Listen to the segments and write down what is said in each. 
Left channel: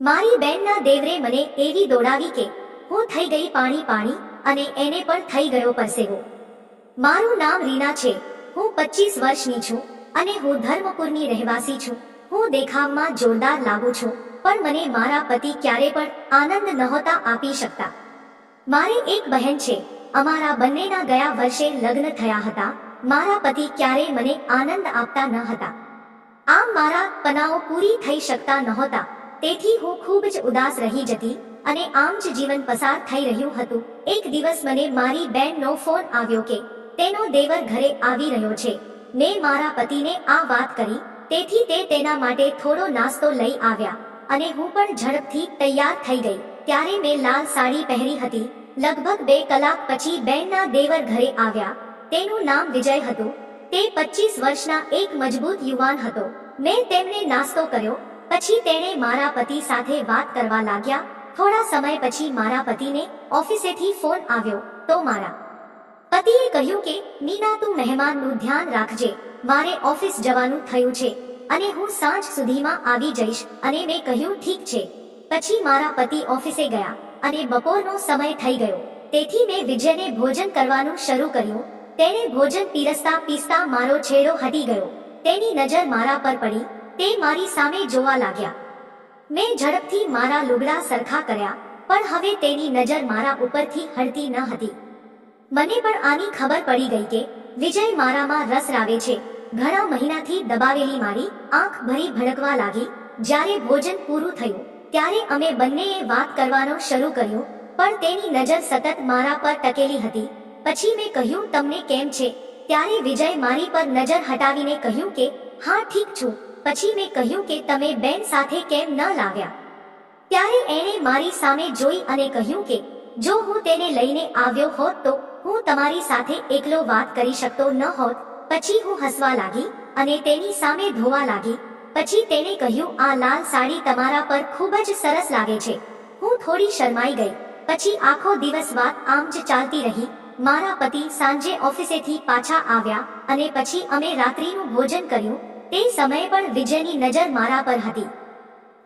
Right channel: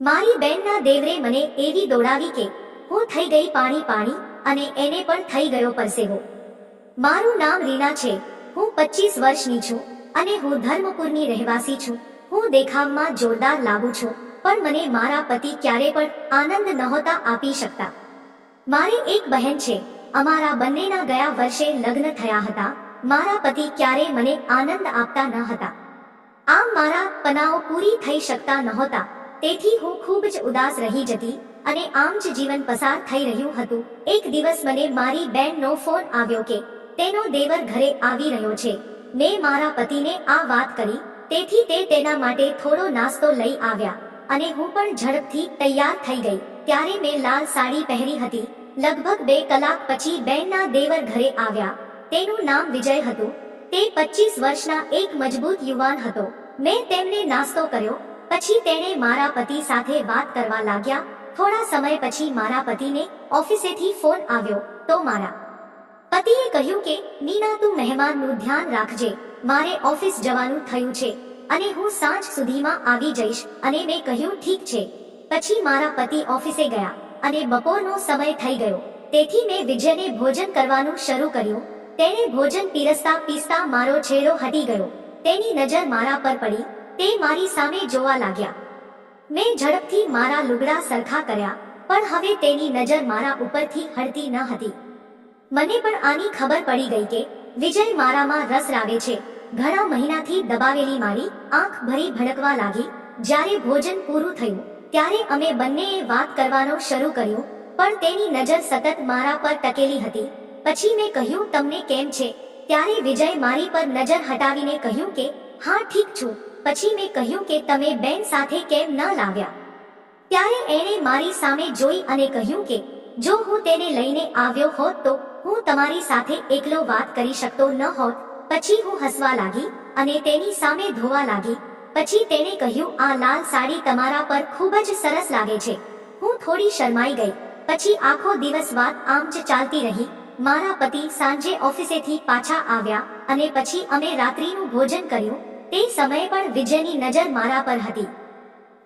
મારી બેનના દેવરે મને એવી દોડાવી કે હું થઈ ગઈ પાણી પાણી અને એને પણ થઈ ગયો પરસેવો. મારું નામ રીના છે. હું પચીસ વર્ષની છું અને હું ધર્મપુરની રહેવાસી છું. હું દેખાવમાં જોરદાર લાગુ છું, પણ મને મારા પતિ ક્યારે પણ આનંદ નહોતા આપી શકતા. મારે એક બહેન છે. અમારા બંનેના ગયા વર્ષે લગ્ન થયા હતા. મારા પતિ ક્યારે મને આનંદ આપતા ન હતા. આમ મારા પનાઓ પૂરી થઈ શકતા નહોતા. તેથી હું ખૂબ જ ઉદાસ રહી જતી અને આમ જ જીવન પસાર થઈ રહ્યું હતું. એક દિવસ મને મારી બેનનો ફોન આવ્યો કે, તેનો દેવર ઘરે આવી રહ્યો છે. મેં મારા પતિને આ વાત કરી, તેથી તે તેના માટે થોડો નાસ્તો લઈ આવ્યા અને હું પણ ઝડપથી તૈયાર થઈ ગઈ. ત્યારે મેં લાલ સાડી પહેરી હતી. લગભગ બે કલાક પછી બેનના દેવર ઘરે આવ્યા. તેનું નામ વિજય હતું. તે પચીસ વર્ષના એક મજબૂત યુવાન હતો. મેં તેમને નાસ્તો કર્યો પછી તેણે મારા પતિ સાથે વાત કરવા લાગ્યા. થોડા સમય પછી મારા પતિને ઓફિસેથી ફોન આવ્યો, તો મારા પતિએ કહ્યું કે, મીના, તું મહેમાનનું ધ્યાન રાખજે. મારે ઓફિસ જવાનું થયું છે અને હું સાંજ સુધીમાં આવી જઈશ. અને મેં કહ્યું, ઠીક છે. પછી મારા પતિ ઓફિસે ગયા અને બપોરનો સમય થઈ ગયો. તેથી મેં વિજયને ભોજન કરવાનું શરૂ કર્યું. તેણે ભોજન પીરસતા પીસતા મારો છેડો હટી ગયો. તેની નજર મારા પર પડી. તે મારી સામે જોવા લાગ્યા. મેં ઝડપથી મારા લુગડા સરખા કર્યા, પણ હવે તેની નજર મારા ઉપરથી હડતી ન હતી. મને પણ આની ખબર પડી ગઈ કે વિજય મારામાં રસ રાવે છે. ઘણા મહિનાથી દબાવેલી મારી આંખ ભરી ભડકવા લાગી. જ્યારે ભોજન પૂરું થયું, ત્યારે અમે બંનેએ વાત કરવાનો શરૂ કર્યો, પણ તેની નજર સતત મારા પર ટકેલી હતી. પછી મેં કહ્યું, તમને કેમ છે? ત્યારે વિજય મારી પર નજર હટાવીને કહ્યું કે, હા, ઠીક છું. પછી મેં કહ્યું કે તમે બેન સાથે કેમ ન લાવ્યા? ત્યારે એણે મારી સામે જોઈ અને કહ્યું કે, જો હું તેને લઈને આવ્યો હોત તો હું તમારી સાથે એકલો વાત કરી શકતો ન હોત. પછી હું હસવા લાગી અને તેની સામે ધોવા લાગી. પછી તેણે કહ્યું, આ લાલ સાડી તમારા પર ખૂબ જ સરસ લાગે છે. હું થોડી શરમાઈ ગઈ. પછી આખો દિવસ વાત આમ જ ચાલતી રહી. મારા પતિ સાંજે ઓફિસેથી પાછા આવ્યા અને પછી અમે રાત્રિનું ભોજન કર્યું. તે સમયે પણ વિજયની નજર મારા પર હતી.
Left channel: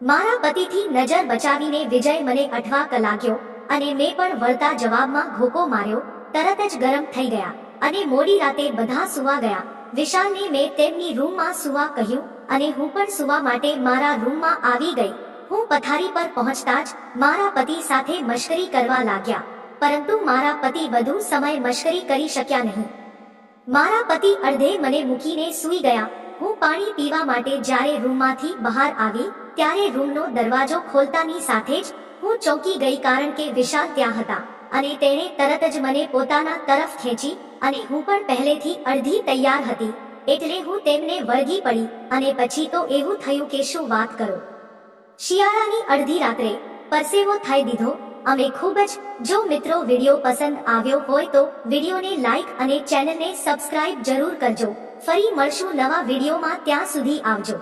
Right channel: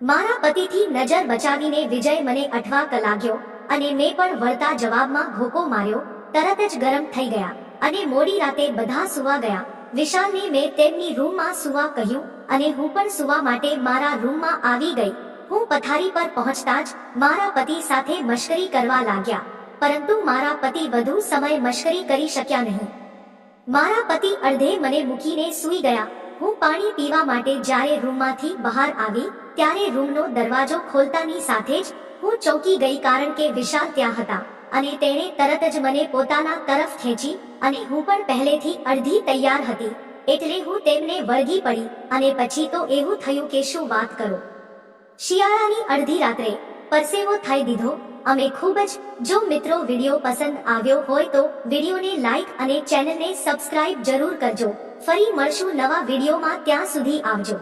મારા પતિથી નજર બચાવીને વિજય મને અઠવાક લાગ્યો અને મેં પણ વળતા જવાબમાં ઘોકો માર્યો, તરત જ ગરમ થઈ ગયા અને મોડી રાતે બધા સુવા ગયા. વિશાલને મેં તેમની રૂમમાં સુવા કહ્યું અને હું પણ સુવા માટે મારા રૂમમાં આવી ગઈ. હું પથારી પર પહોંચતા જ મારા પતિ સાથે મશ્કરી કરવા લાગ્યા, પરંતુ મારા પતિ વધુ સમય મશ્કરી કરી શક્યા નહીં. મારા પતિ અડધે મને મૂકીને સૂઈ ગયા હું પાણી પીવા માટે જ્યારે રૂમમાંથી બહાર આવી, ત્યારે રૂમનો દરવાજો ખોલતાની સાથે જ હું ચોંકી ગઈ કારણ કે વિશાલ ત્યાં હતા અને તેણે તરત જ મને પોતાના તરફ ખેંચી અને હું પણ પહેલેથી અડધી તૈયાર હતી, એટલે હું તેમને વળગી પડી અને પછી તો એવું થયું કે શું વાત કરો. શિયાળાની અડધી રાત્રે પરસેવો થઈ દીધો, અમે ખૂબ જ, જો મિત્રો વીડિયો પસંદ આવ્યો હોય તો વિડીયોને લાઈક અને ચેનલને સબસ્ક્રાઇબ જરૂર કરજો. ફરી મળશું નવા વિડીયોમાં ત્યાં સુધી આવજો.